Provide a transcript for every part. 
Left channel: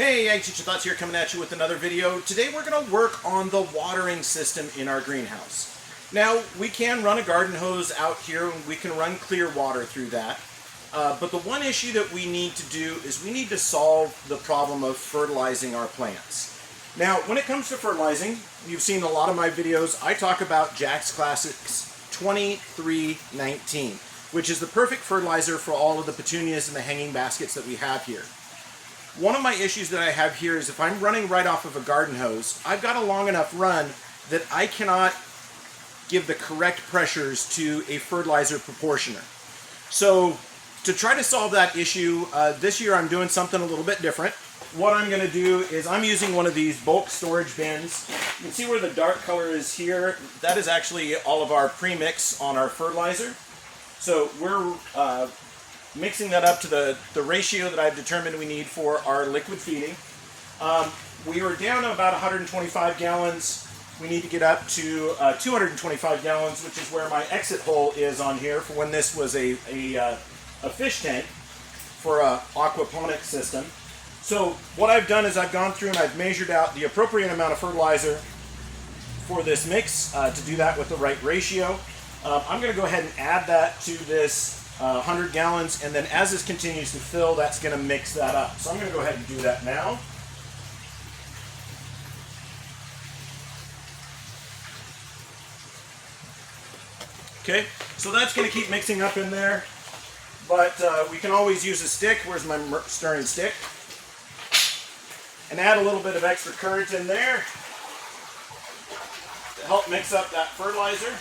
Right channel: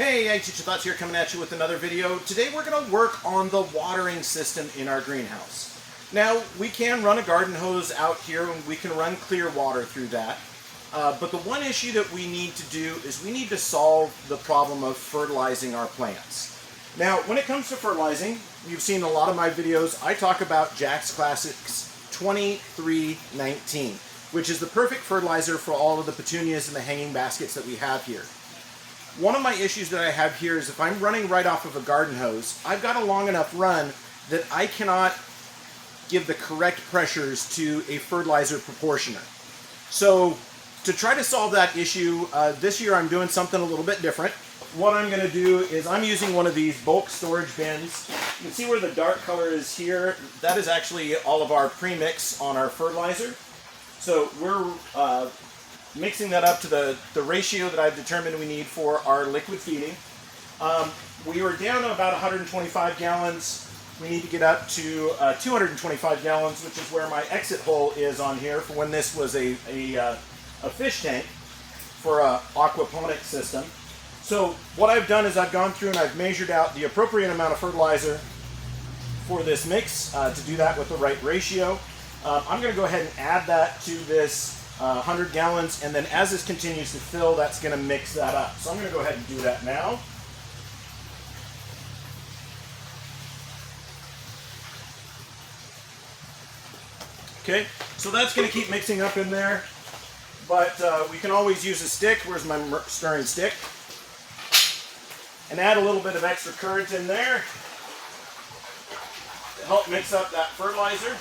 Hey, Teacher Thoughts here, coming at you with another video. Today we're going to work on the watering system in our greenhouse. Now, we can run a garden hose out here and we can run clear water through that. But the one issue that we need to do is we need to solve the problem of fertilizing our plants. Now, when it comes to fertilizing, you've seen a lot of my videos. I talk about Jack's Classics 2319, which is the perfect fertilizer for all of the petunias and the hanging baskets that we have here. One of my issues that I have here is if I'm running right off of a garden hose, I've got a long enough run that I cannot give the correct pressures to a fertilizer proportioner. So to try to solve that issue, this year I'm doing something a little bit different. What I'm going to do is I'm using one of these bulk storage bins. You can see where the dark color is here. That is actually all of our premix on our fertilizer. So we're mixing that up to the ratio that I've determined we need for our liquid feeding. We were down to about 125 gallons. We need to get up to 225 gallons, which is where my exit hole is on here for when this was a fish tank for a aquaponics system. So what I've done is I've gone through and I've measured out the appropriate amount of fertilizer for this mix to do that with the right ratio. I'm going to go ahead and add that to this 100 gallons, and then as this continues to fill, that's going to mix that up. So I'm going to go ahead and do that now. Okay, so that's going to keep mixing up in there, but we can always use a stick. Where's my stirring stick? And add a little bit of extra current in there to help mix up that fertilizer.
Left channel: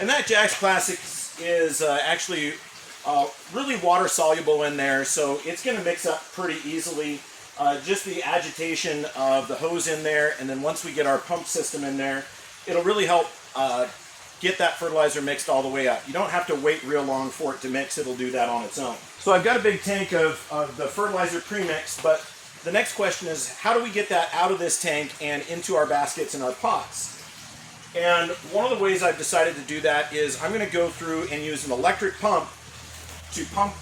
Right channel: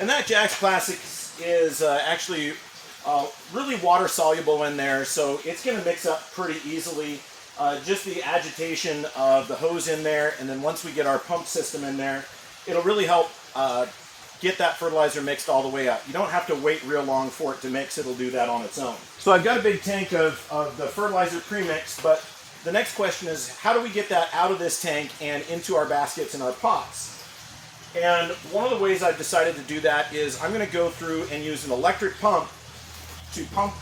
And that Jack's Classics is actually really water soluble in there, so it's going to mix up pretty easily. Just the agitation of the hose in there, and then once we get our pump system in there, it'll really help get that fertilizer mixed all the way up. You don't have to wait real long for it to mix, it'll do that on its own. So I've got a big tank of the fertilizer premix, but the next question is how do we get that out of this tank and into our baskets and our pots? And one of the ways I've decided to do that is I'm going to go through and use an electric pump to pump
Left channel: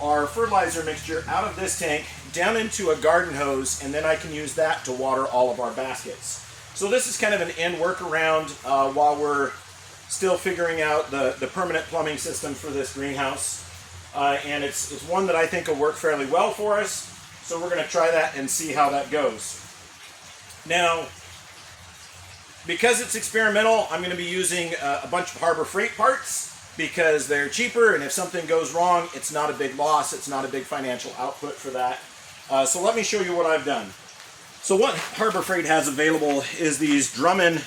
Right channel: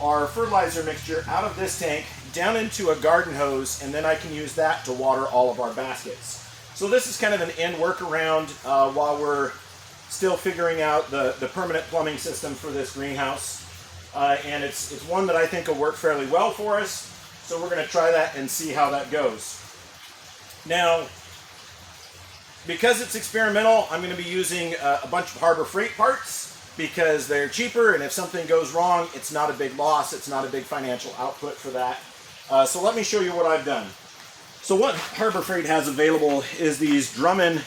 our fertilizer mixture out of this tank down into a garden hose, and then I can use that to water all of our baskets. So this is kind of an end workaround while we're still figuring out the permanent plumbing system for this greenhouse. And it's one that I think will work fairly well for us. So we're going to try that and see how that goes. Now, because it's experimental, I'm going to be using a bunch of Harbor Freight parts because they're cheaper, and if something goes wrong, it's not a big loss, it's not a big financial output for that. So let me show you what I've done. So what Harbor Freight has available is these Drummond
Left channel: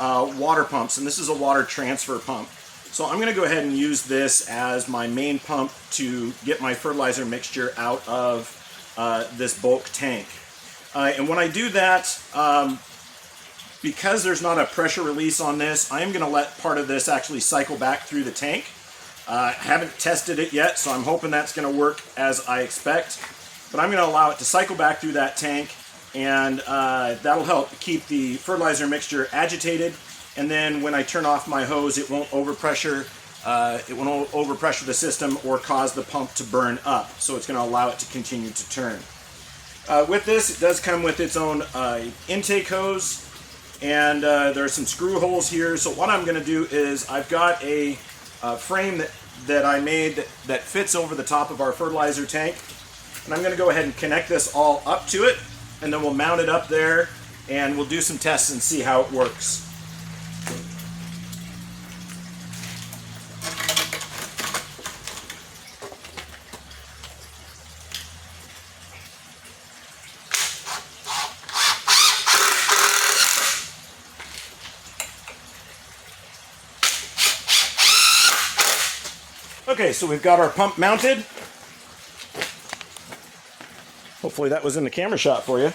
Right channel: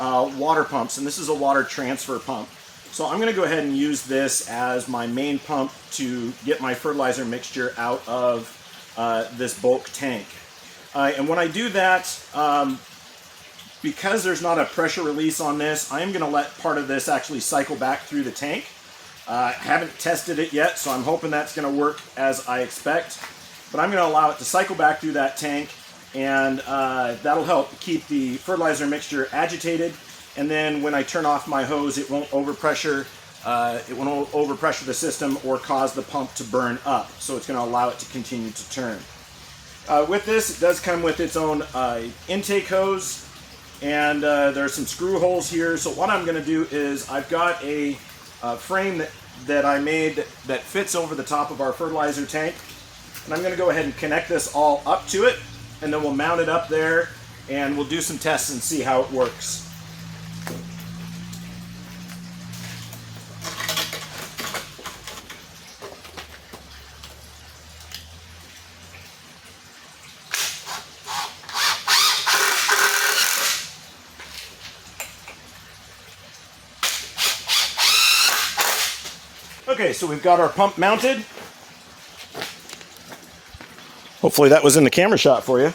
water pumps, and this is a water transfer pump. So I'm going to go ahead and use this as my main pump to get my fertilizer mixture out of this bulk tank. And when I do that, because there's not a pressure release on this, I am going to let part of this actually cycle back through the tank. I haven't tested it yet, so I'm hoping that's going to work as I expect. But I'm going to allow it to cycle back through that tank, and that'll help keep the fertilizer mixture agitated. And then when I turn off my hose, it won't overpressure. It won't overpressure the system or cause the pump to burn up. So it's going to allow it to continue to turn. With this, it does come with its own intake hose. And there are some screw holes here. So what I'm going to do is I've got a frame that I made that fits over the top of our fertilizer tank. And I'm going to go ahead and connect this all up to it. And then we'll mount it up there and we'll do some tests and see how it works. Okay, so we've got our pump mounted. Hopefully that was in the camera shot for you.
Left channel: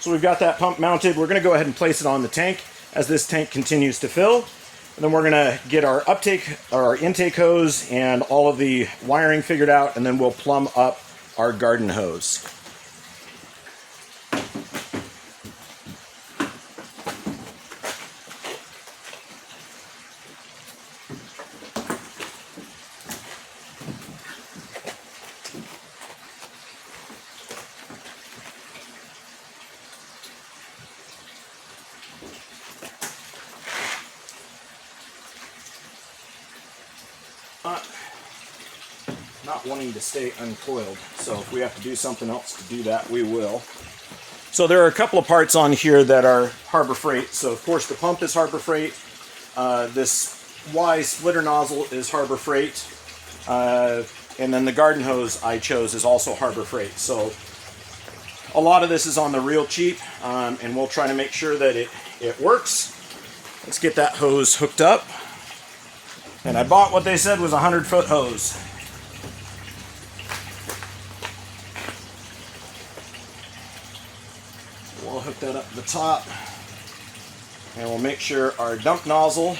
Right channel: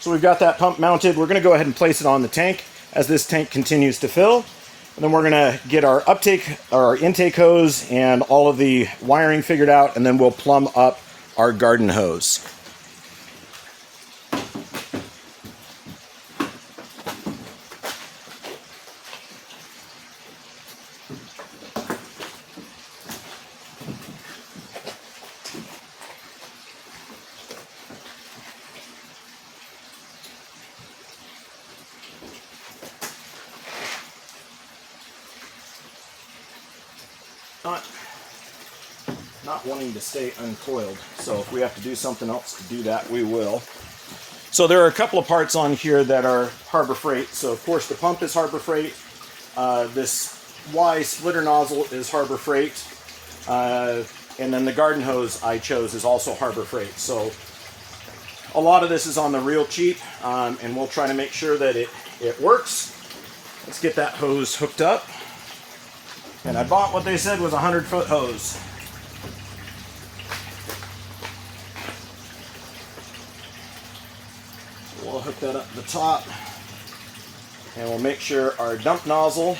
So we've got that pump mounted. We're going to go ahead and place it on the tank as this tank continues to fill. And then we're going to get our intake hose and all of the wiring figured out, and then we'll plumb up our garden hose. not wanting to stay uncoiled. So if we have to do something else to do that, we will. So there are a couple of parts on here that are Harbor Freight. So of course the pump is Harbor Freight. This Y splitter nozzle is Harbor Freight. And then the garden hose I chose is also Harbor Freight. So a lot of this is on the real cheap, and we'll try to make sure that it works. Let's get that hose hooked up. And I bought what they said was a 100-foot hose. We'll hook that up to the top, and we'll make sure our dump nozzle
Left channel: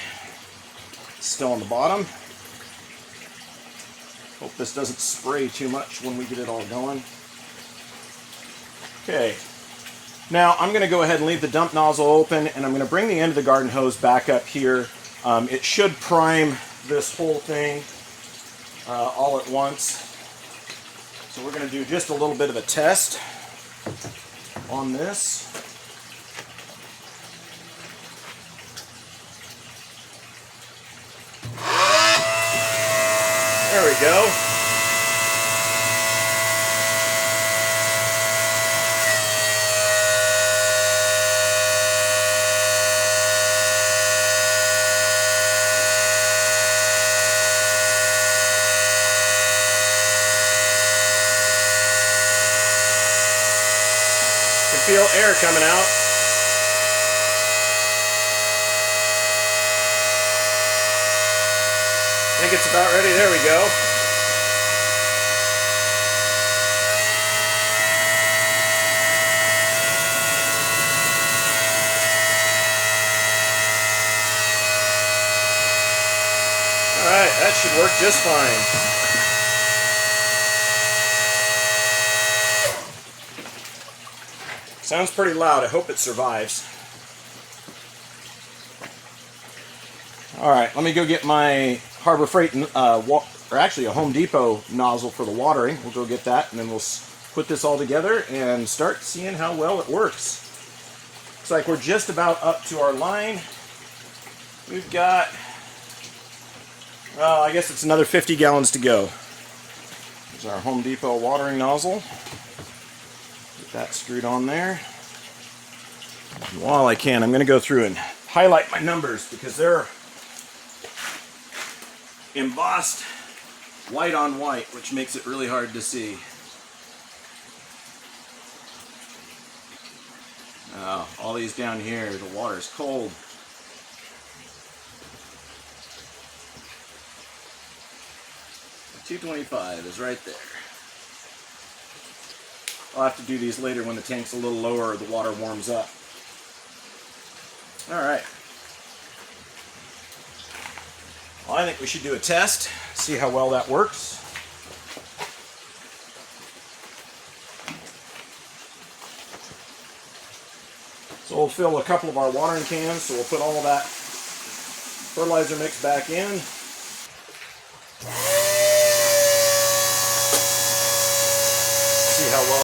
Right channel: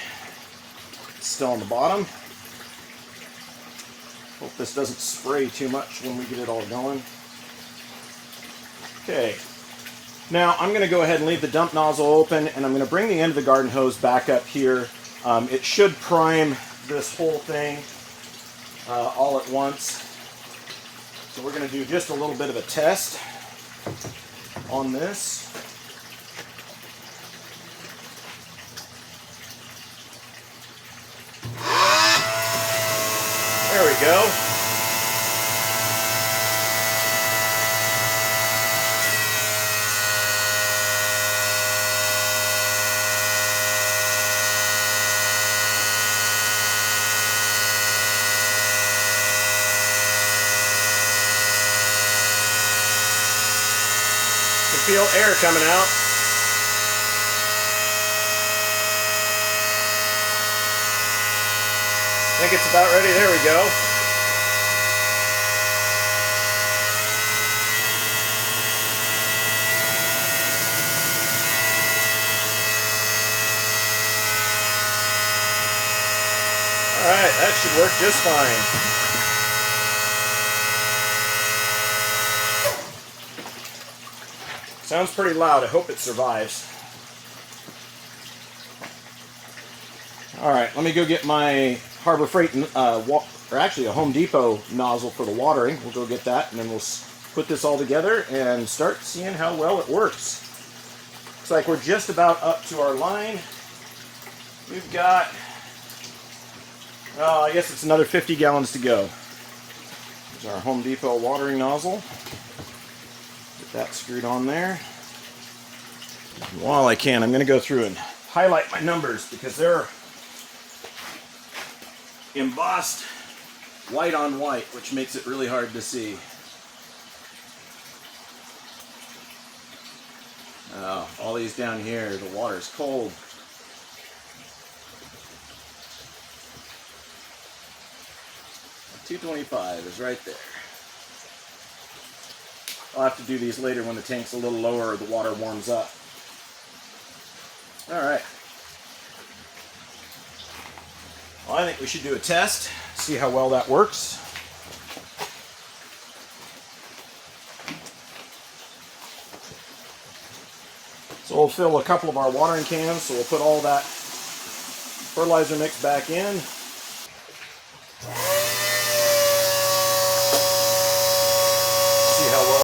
is still on the bottom. Hope this doesn't spray too much when we get it all going. Okay, now I'm going to go ahead and leave the dump nozzle open, and I'm going to bring the end of the garden hose back up here. It should prime this whole thing all at once. So we're going to do just a little bit of a test on this. There we go. You can feel air coming out. I think it's about ready. There we go. All right, that should work just fine. Sounds pretty loud. I hope it survives. All right, let me go get my Harbor Freight, or actually a Home Depot nozzle for the watering. We'll go get that, and then we'll put this all together and start seeing how well it works. Looks like we're just about up to our line. We've got, well, I guess it's another 50 gallons to go. There's our Home Depot watering nozzle. Get that screwed on there. And while I can, I'm going to go through and highlight my numbers because they're embossed white on white, which makes it really hard to see. Oh, all these down here, the water's cold. $2.25 is right there. I'll have to do these later when the tank's a little lower or the water warms up. All right. Well, I think we should do a test, see how well that works. So we'll fill a couple of our watering cans, so we'll put all that fertilizer mix back in. See how well.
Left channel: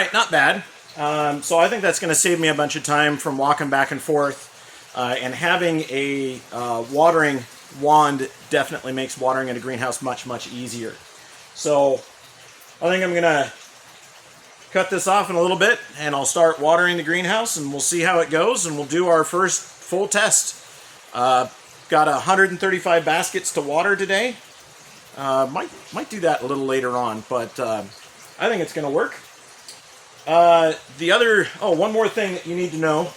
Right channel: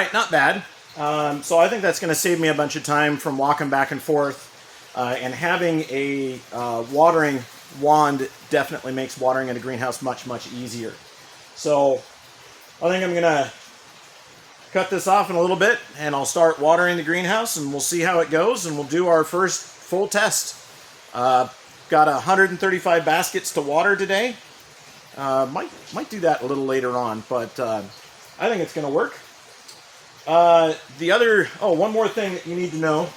right, not bad. So I think that's going to save me a bunch of time from walking back and forth. And having a watering wand definitely makes watering in a greenhouse much, much easier. So I think I'm going to cut this off in a little bit, and I'll start watering the greenhouse, and we'll see how it goes, and we'll do our first full test. Got 135 baskets to water today. Might do that a little later on, but I think it's going to work. One more thing that you need to know.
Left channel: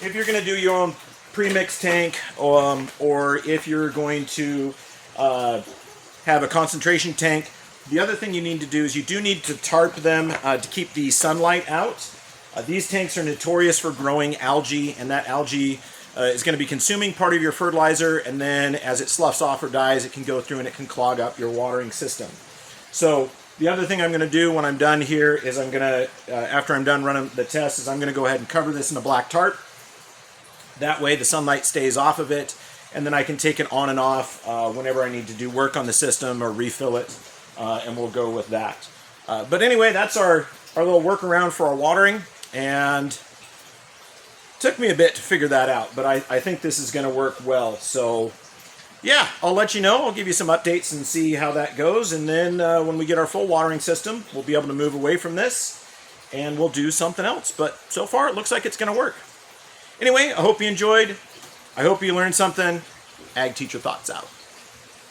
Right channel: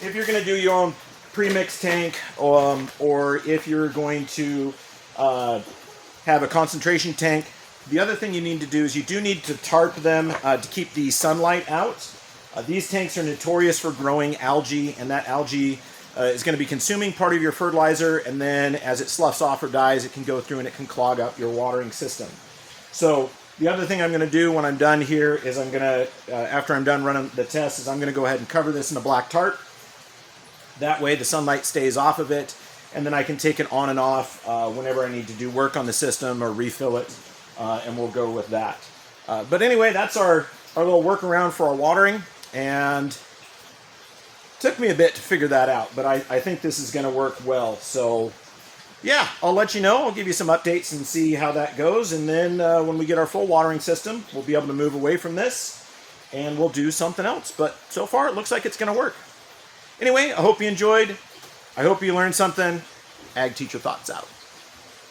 If you're going to do your own pre-mix tank, or if you're going to have a concentration tank, the other thing you need to do is you do need to tarp them to keep the sunlight out. These tanks are notorious for growing algae, and that algae is going to be consuming part of your fertilizer, and then as it sloughs off or dies, it can go through and it can clog up your watering system. So the other thing I'm going to do when I'm done here is I'm going to, after I'm done running the test, is I'm going to go ahead and cover this in a black tarp. That way the sunlight stays off of it, and then I can take it on and off whenever I need to do work on the system or refill it, and we'll go with that. But anyway, that's our little workaround for our watering, and took me a bit to figure that out, but I think this is going to work well. So yeah, I'll let you know. I'll give you some updates and see how that goes, and then when we get our full watering system, we'll be able to move away from this, and we'll do something else. But so far, it looks like it's going to work. Anyway, I hope you enjoyed. I hope you learned something. Ag Teacher Thoughts out.